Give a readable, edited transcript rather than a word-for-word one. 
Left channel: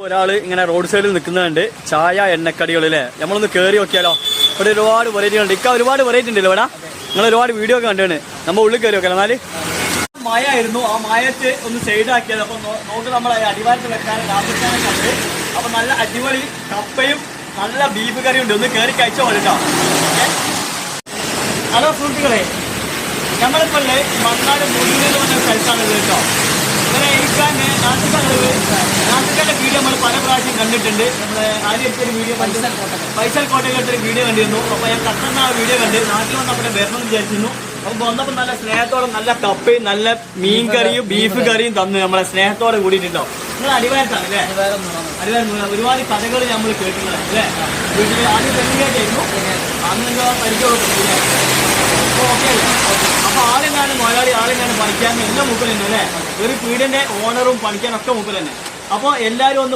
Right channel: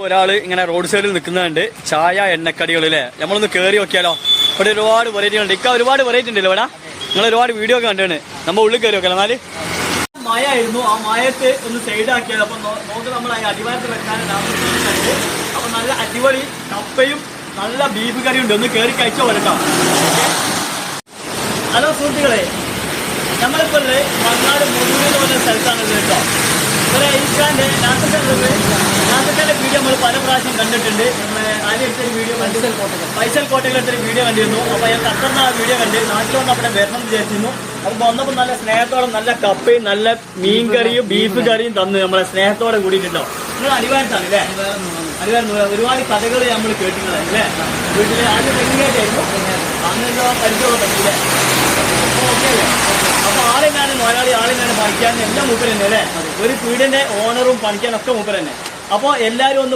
ഒരാള് ഇങ്ങനെ റോഡ് സൈഡിൽ നിൽക്കുന്നുണ്ട് ചായ എണ്ണക്കടികളിലെ നമ്മളൊന്ന് കേറി നോക്കിയാലോ. ഇവിടെ ഒരുപാട് വെറൈറ്റി ഉണ്ട്. ഇക്ക ഒരുപാട് വെറൈറ്റി ഉണ്ടല്ലോ ഇവിടെ. നിങ്ങൾ ഒരുപാട് വീഡിയോ ഒക്കെ കണ്ടാണ്. നമ്മൾ ഉള്ളിൽ കയറി നോക്കാം. എന്നാല് മഴ ആയിരുന്നു. ആ മഴത്ത് ഒന്ന് സൈഡാക്കിയത്. അപ്പൊ നോക്ക് നമ്മൾ അടിവാരത്ത് വെക്കാനും നാൽപ്പത്താനും കണ്ട്. അപ്പൊ നല്ല അടിപൊളി കപ്പയും നല്ല ബീഫ് കറിയും ഉണ്ട്. ഒന്ന് കയറി കഴിച്ചാൽ പോലെ കേട്ടോ. ഹലോ സുഹൃത്തുക്കളെ, നമ്മളിപ്പോ മണ്ണാട് മുഴുവൻ പറഞ്ഞ സ്ഥലത്താണ് കേട്ടോ. ഇവിടെ ഇക്കാന്റെ നാട്ടുകാരുടെ വീഡിയോ നമ്മൾ പല പ്രാവശ്യം കണ്ടിട്ടുണ്ട്. അതിലെടുത്തൊരു വീഡിയോ ഫൈസൽ കോട്ടയിലെടുത്തൊരു വീഡിയോ കണ്ടിരുന്നു. അപ്പൊ ഞാൻ കത്തറിന് ആ വീഡിയോ കണ്ട് നാട്ടിൽ വന്ന് അവിടെ വരണം വിചാരിച്ചിരുന്നു. അപ്പൊ വന്നപ്പോൾ നല്ല സ്നേഹത്തോടെ നല്ല കപ്പയും നല്ല മീൻ കറിയും ബീഫ് കറിയും തന്ന് നമ്മളെ സ്നേഹത്തോടെ കൂടിയിട്ടുണ്ടോ. നിങ്ങൾ അടിവാരത്താണ് അല്ലേ? അടിവാരം ഒരുപാട് കഥകൾ നമ്മൾ കേട്ടിട്ടുണ്ട് അല്ലേ? വീട്ടില് ആദ്യം തെങ്ങേറ്റായിരുന്നു. അന്ന് പരിചയമൊക്കെ അല്ലേ? അപ്പൊ ഓക്കെ. അപ്പൊ ആളെങ്ങാനും മലയാളി ആളെങ്ങാനും പണിക്കാനും എല്ലാം മൂപ്പർ തന്നെ അല്ലേ? ഒരു പീടിന്റെ ഓണറും പണിക്കാനൊക്കെ മൂപ്പർ തന്നെ. അപ്പൊ എല്ലാവരും ഒന്ന്